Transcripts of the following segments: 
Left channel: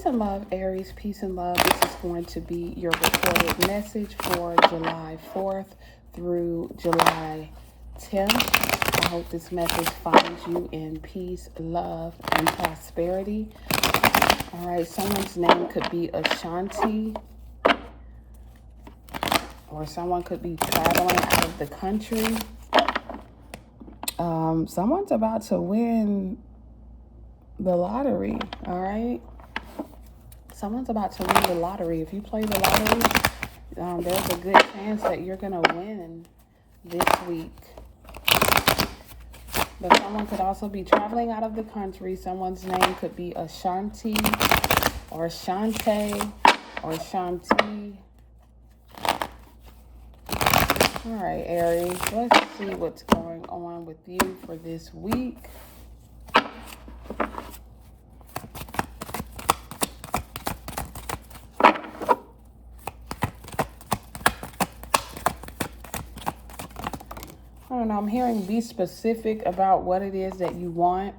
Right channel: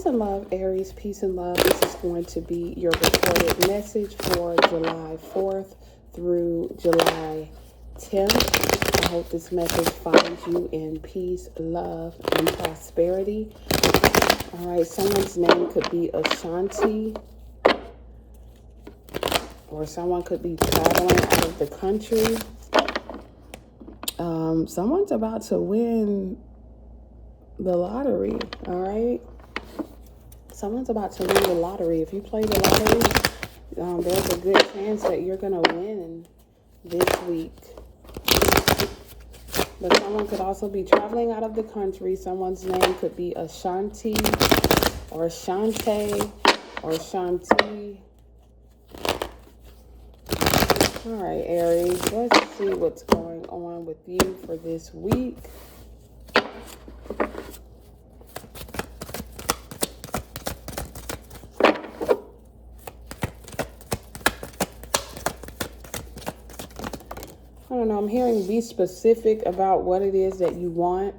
Peace and love, Aries. Peace and love. This is going to be your recorded message for July 4th through July 10th. I hope this message finds you in peace, love, and prosperity. All right, someone's name could be Ashanti, or someone could be traveling out of the country. Someone's about to win the lottery, all right? Someone's about to win the lottery. If you play the lottery, there's a good chance that you're going to win this week. But someone could also be traveling out of the country. Someone's name could be Ashanti or Shante or Shanti. All right, Aries, let's see what's going on with you for this week. I don't know, I'm hearing be specific about what it is that you want.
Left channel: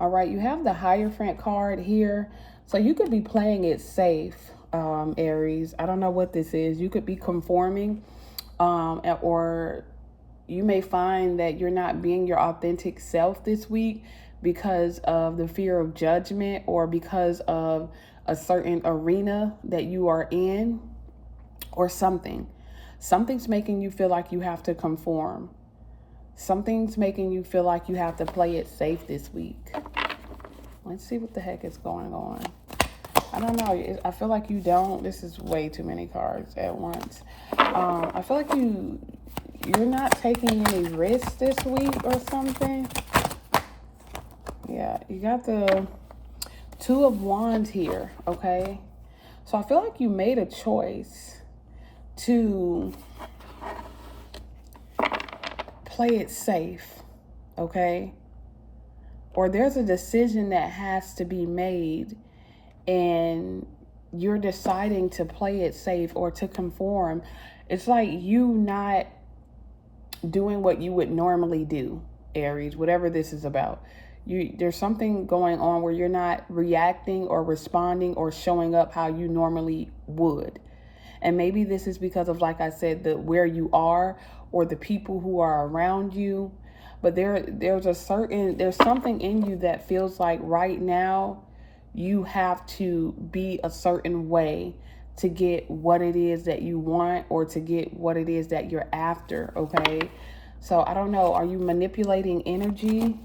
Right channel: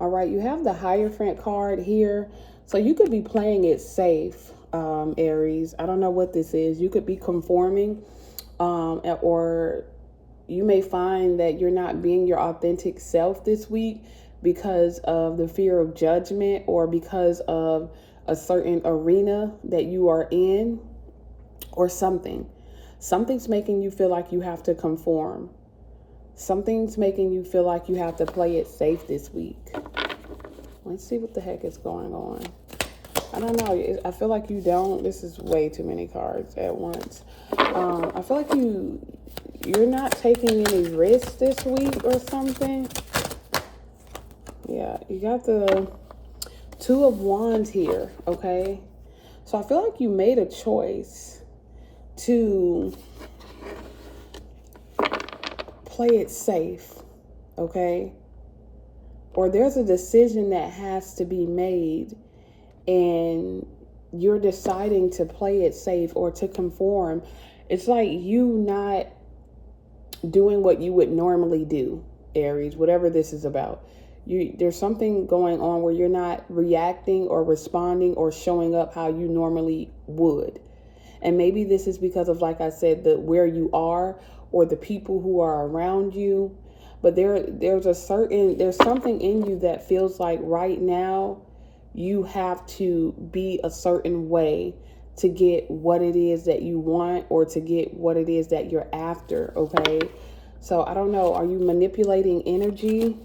All right, you have the Hierophant card here. So you could be playing it safe, Aries. I don't know what this is. You could be conforming, or you may find that you're not being your authentic self this week because of the fear of judgment or because of a certain arena that you are in or something. Something's making you feel like you have to conform. Something's making you feel like you have to play it safe this week. Let's see what the heck is going on. I don't know. I feel like you don't. This is way too many cards at once. I feel like you're not taking any risks this week or something. Yeah, you got the Two of Wands here, okay? So I feel like you made a choice to play it safe, okay? Or there's a decision that has to be made and you're deciding to play it safe or to conform. It's like you not doing what you would normally do, Aries, whatever this is about. There's something going on where you're not reacting or responding or showing up how you normally would. And maybe this is because of, like I said, where you are or the people who are around you. But there's something in you that feels like right now you have to be a certain way to get what it is that you want or to get what it is that you're after, okay? So I don't know, are you manipulating energy?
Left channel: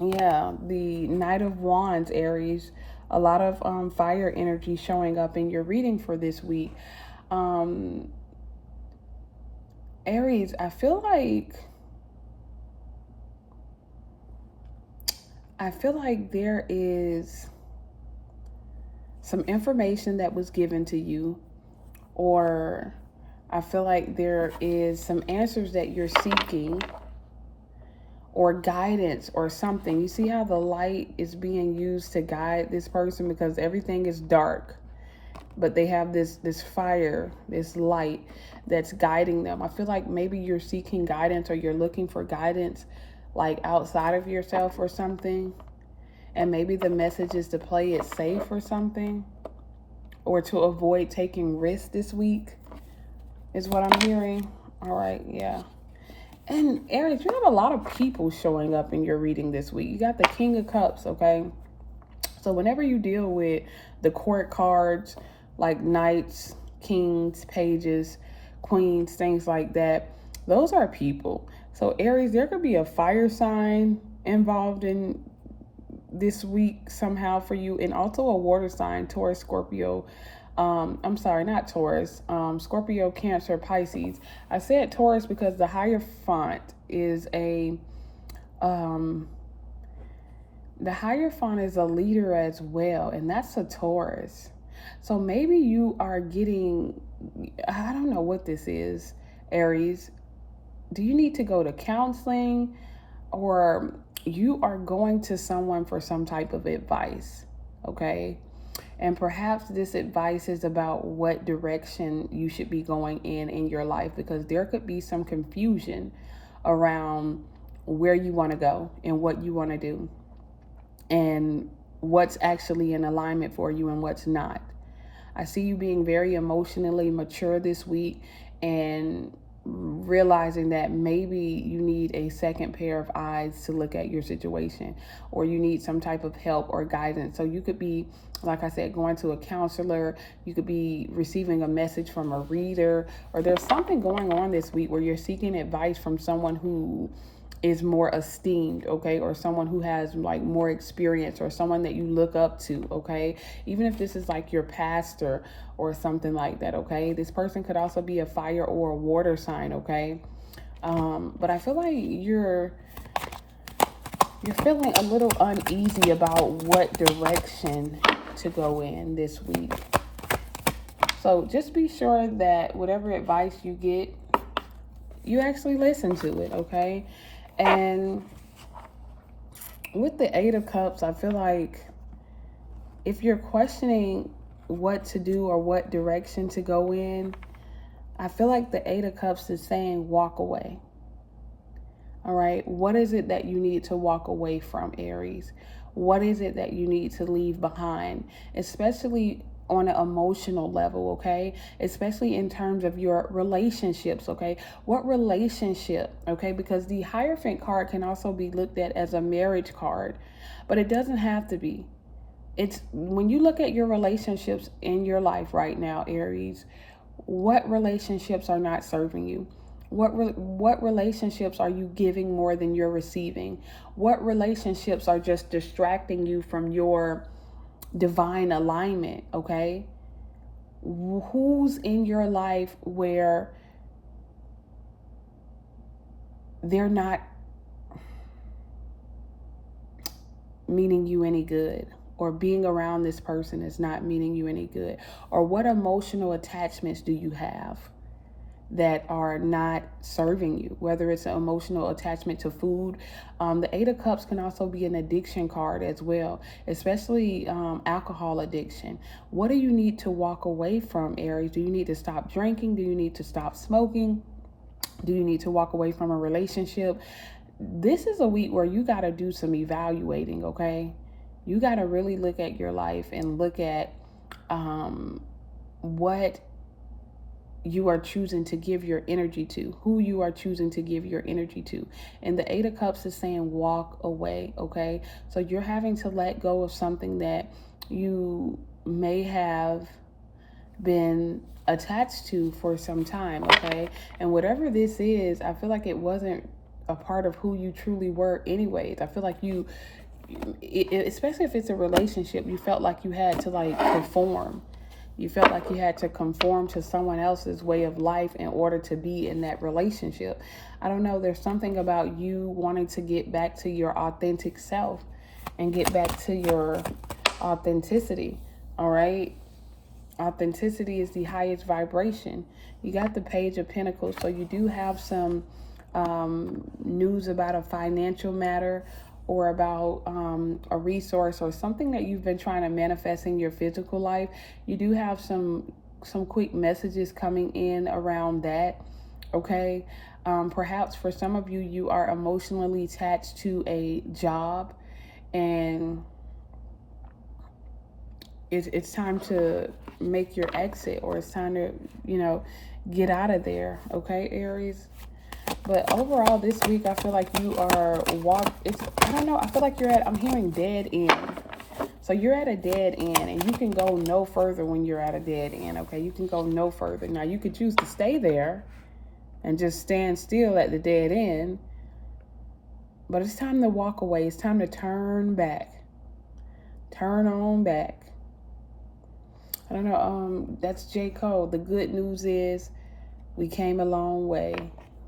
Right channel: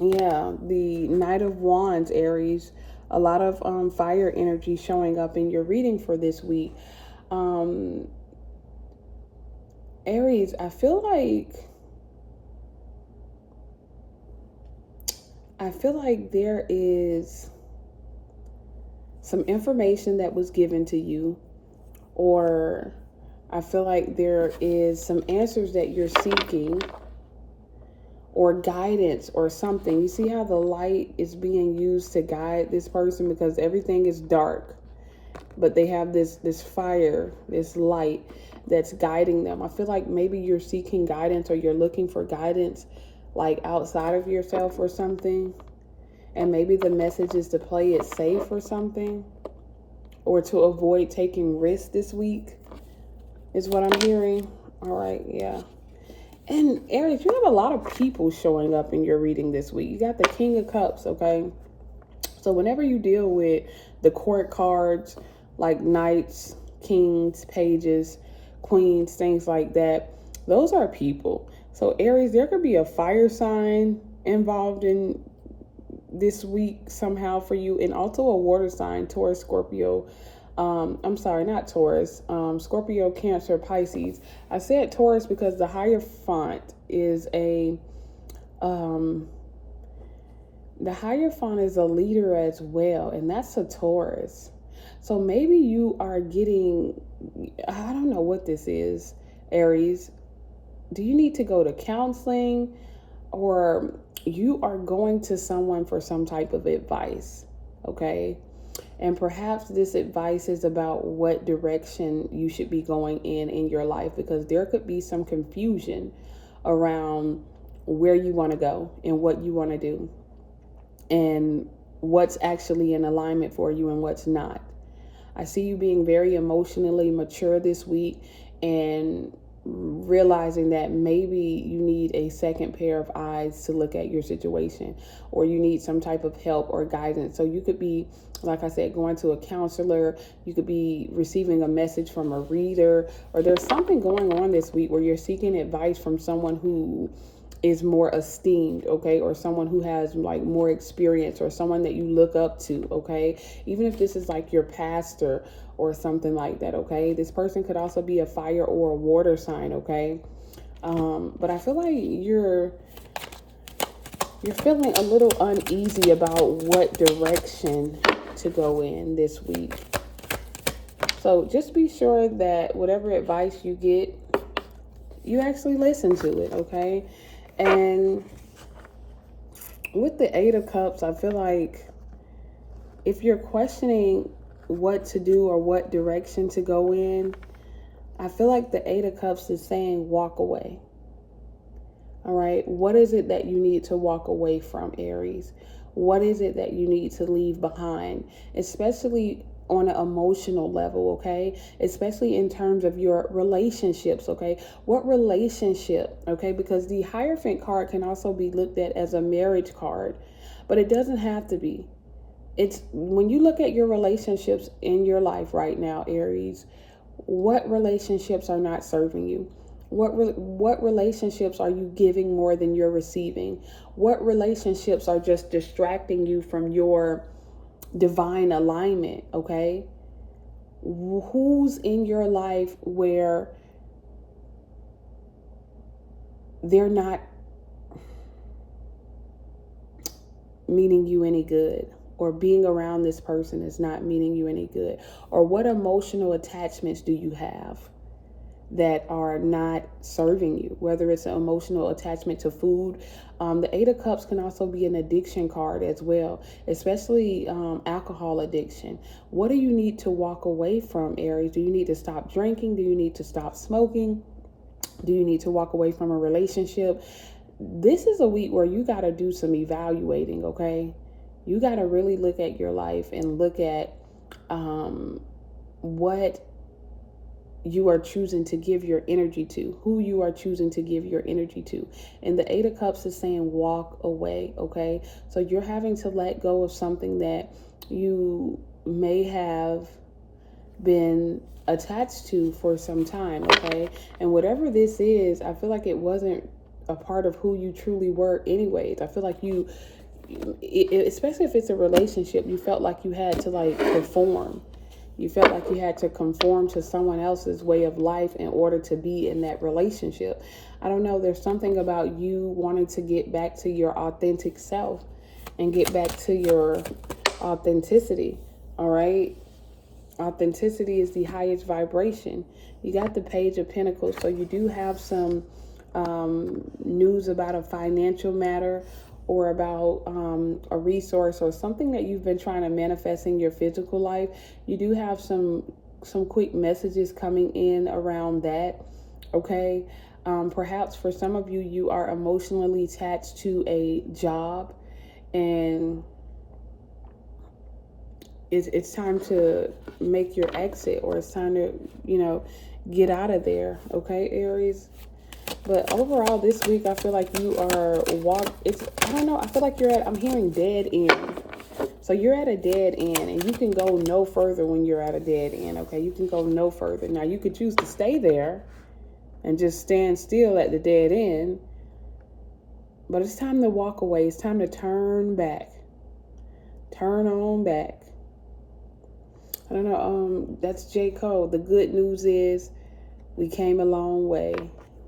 Yeah, the Knight of Wands, Aries. A lot of fire energy showing up in your reading for this week. Aries, I feel like there is some information that was given to you, or I feel like there is some answers that you're seeking or guidance or something. You see how the light is being used to guide this person because everything is dark, but they have this fire, this light that's guiding them. I feel like maybe you're seeking guidance or you're looking for guidance like outside of yourself or something. And maybe the message is to play it safe or something, or to avoid taking risks this week is what I'm hearing. All right, yeah. And Aries, you have a lot of people showing up in your reading this week. You got the King of Cups, okay? So whenever you deal with the court cards, like knights, kings, pages, queens, things like that, those are people. So Aries, there could be a fire sign involved in this week somehow for you, and also a water sign, Taurus, Scorpio. I'm sorry, not Taurus, Scorpio, Cancer, Pisces. I said Taurus because the Hierophant is the Hierophant is a leader as well, and that's a Taurus. So maybe you are getting, I don't know what this is, Aries. Do you need to go to counseling, or you are going to someone for some type of advice, okay? And perhaps this advice is about what direction you should be going in your life, because there could be some confusion around where you want to go and what you want to do. And what's actually in alignment for you and what's not. I see you being very emotionally mature this week and realizing that maybe you need a second pair of eyes to look at your situation, or you need some type of help or guidance. So you could be, like I said, going to a counselor, you could be receiving a message from a reader, or there's something going on this week where you're seeking advice from someone who is more esteemed, okay, or someone who has like more experience, or someone that you look up to, okay, even if this is like your pastor or something like that, okay. This person could also be a fire or a water sign, okay. But I feel like you're feeling a little uneasy about what direction to go in this week. So just be sure that whatever advice you get, you actually listen to it, okay? And with the Eight of Cups, I feel like if you're questioning what to do or what direction to go in, I feel like the Eight of Cups is saying walk away. All right, what is it that you need to walk away from, Aries? What is it that you need to leave behind, especially on an emotional level, okay? Especially in terms of your relationships, okay? What relationship, okay? Because the Hierophant card can also be looked at as a marriage card, but it doesn't have to be. It's when you look at your relationships in your life right now, Aries, what relationships are not serving you? What relationships are you giving more than you're receiving? What relationships are just distracting you from your divine alignment, okay? Who's in your life where they're not meaning you any good, or being around this person is not meaning you any good? Or what emotional attachments do you have that are not serving you, whether it's an emotional attachment to food? The Eight of Cups can also be an addiction card as well, especially alcohol addiction. What do you need to walk away from, Aries? Do you need to stop drinking? Do you need to stop smoking? Do you need to walk away from a relationship? This is a week where you got to do some evaluating, okay? You got to really look at your life and look at what you are choosing to give your energy to, who you are choosing to give your energy to. And the Eight of Cups is saying walk away, okay? So you're having to let go of something that you may have been attached to for some time, okay? And whatever this is, I feel like it wasn't a part of who you truly were anyways. I feel like especially if it's a relationship, you felt like you had to like perform. You felt like you had to conform to someone else's way of life in order to be in that relationship. I don't know, there's something about you wanting to get back to your authentic self and get back to your authenticity, all right? Authenticity is the highest vibration. You got the Page of Pentacles, so you do have some news about a financial matter, or about a resource or something that you've been trying to manifest in your physical life. You do have some quick messages coming in around that, okay? Perhaps for some of you, you are emotionally attached to a job, and it's time to make your exit, or it's time to, get out of there, okay, Aries? But overall, this week, I feel like you are I don't know, I feel like I'm hearing dead end. So you're at a dead end, and you can go no further when you're at a dead end, okay? You can go no further. Now, you could choose to stay there and just stand still at the dead end, but it's time to walk away. It's time to turn back. Turn on back. I don't know, that's J. Cole. The good news is we came a long way.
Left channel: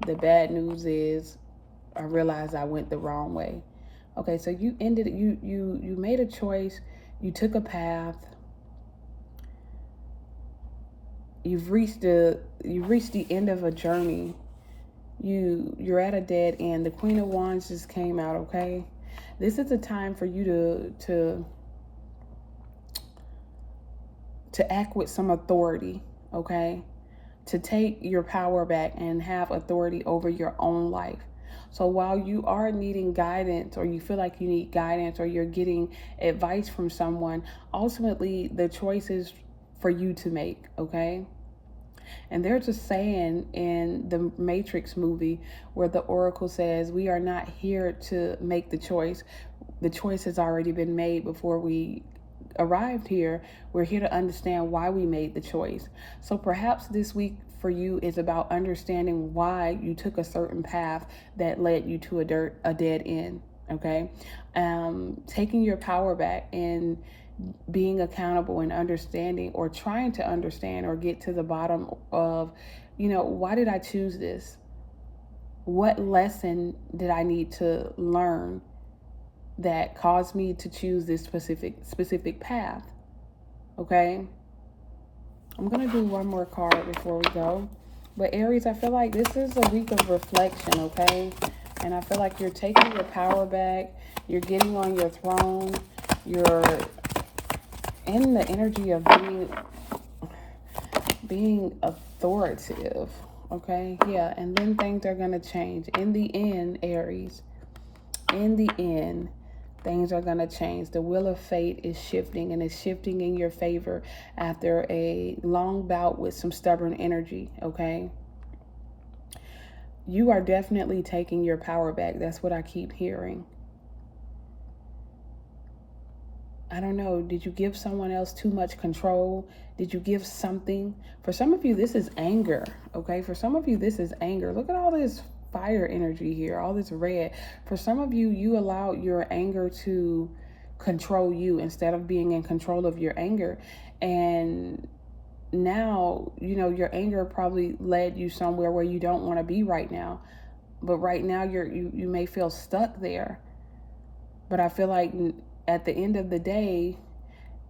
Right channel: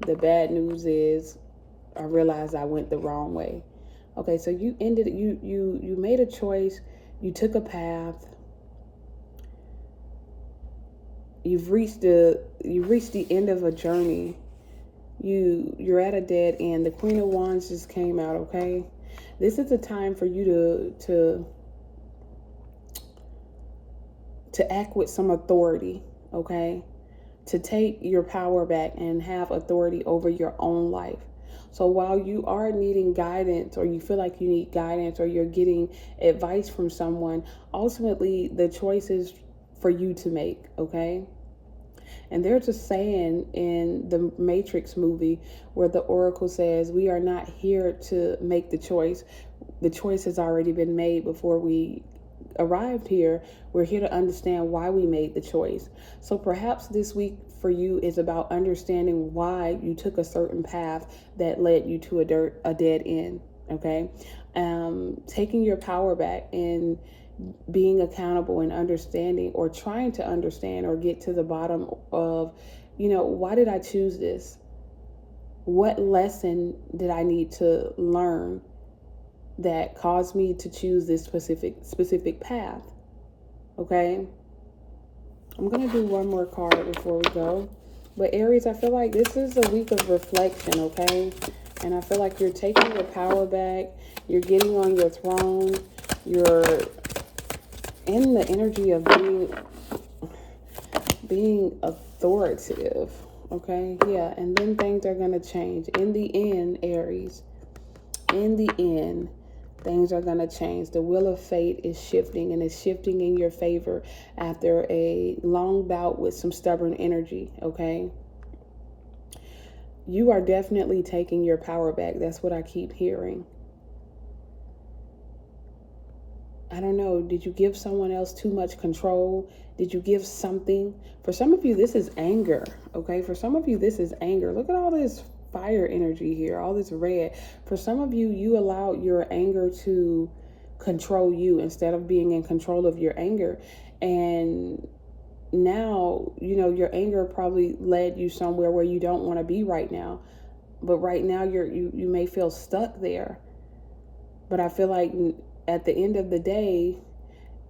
The bad news is I realized I went the wrong way. Okay, so you made a choice. You took a path. You've reached the end of a journey. You're at a dead end. The Queen of Wands just came out, okay? This is a time for you to act with some authority, okay? To take your power back and have authority over your own life. So while you are needing guidance, or you feel like you need guidance, or you're getting advice from someone, ultimately the choice is for you to make, okay? And there's a saying in the Matrix movie where the Oracle says, we are not here to make the choice. The choice has already been made before we arrived here. We're here to understand why we made the choice. So perhaps this week for you is about understanding why you took a certain path that led you to a dead end. Okay, taking your power back and being accountable and understanding, or trying to understand or get to the bottom of, why did I choose this? What lesson did I need to learn that caused me to choose this specific path? Okay, I'm gonna do one more card before we go. But Aries, I feel like this is a week of reflection, okay? And I feel like you're taking your power back. You're getting on your throne. You're in the energy of being authoritative, okay? Yeah, and then things are gonna change. In the end, Aries, in the end, things are going to change. The wheel of fate is shifting, and it's shifting in your favor after a long bout with some stubborn energy, okay? You are definitely taking your power back. That's what I keep hearing. I don't know. Did you give someone else too much control? Did you give something? For some of you, this is anger, okay? For some of you, this is anger. Look at all this fire energy here, all this red. For some of you, you allowed your anger to control you instead of being in control of your anger. And now, your anger probably led you somewhere where you don't want to be right now. But right now, you may feel stuck there. But I feel like at the end of the day,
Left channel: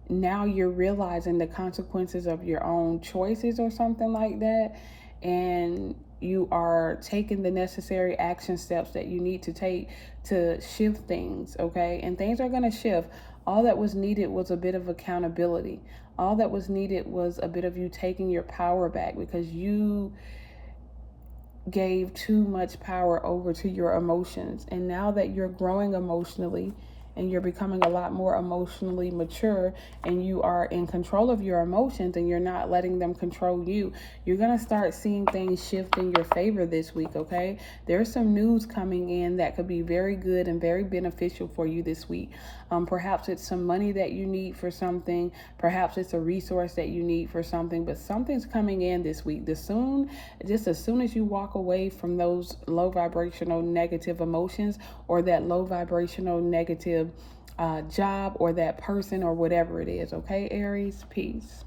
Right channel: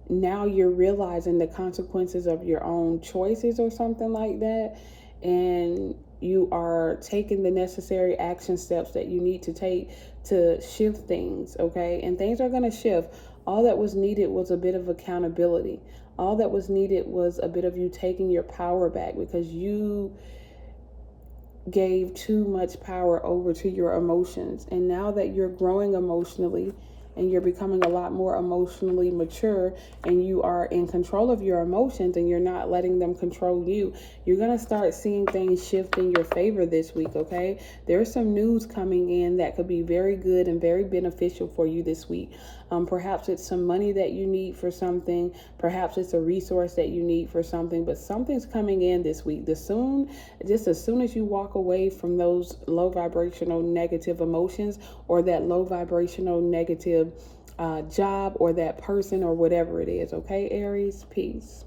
now you're realizing the consequences of your own choices or something like that. And you are taking the necessary action steps that you need to take to shift things, okay? And things are going to shift. All that was needed was a bit of accountability. All that was needed was a bit of you taking your power back, because you gave too much power over to your emotions. And now that you're growing emotionally, and you're becoming a lot more emotionally mature, and you are in control of your emotions and you're not letting them control you, you're going to start seeing things shift in your favor this week, okay? There's some news coming in that could be very good and very beneficial for you this week. Perhaps it's some money that you need for something. Perhaps it's a resource that you need for something, but something's coming in this week. Just as soon as you walk away from those low vibrational negative emotions, or that low vibrational negative job, or that person, or whatever it is, okay, Aries? Peace.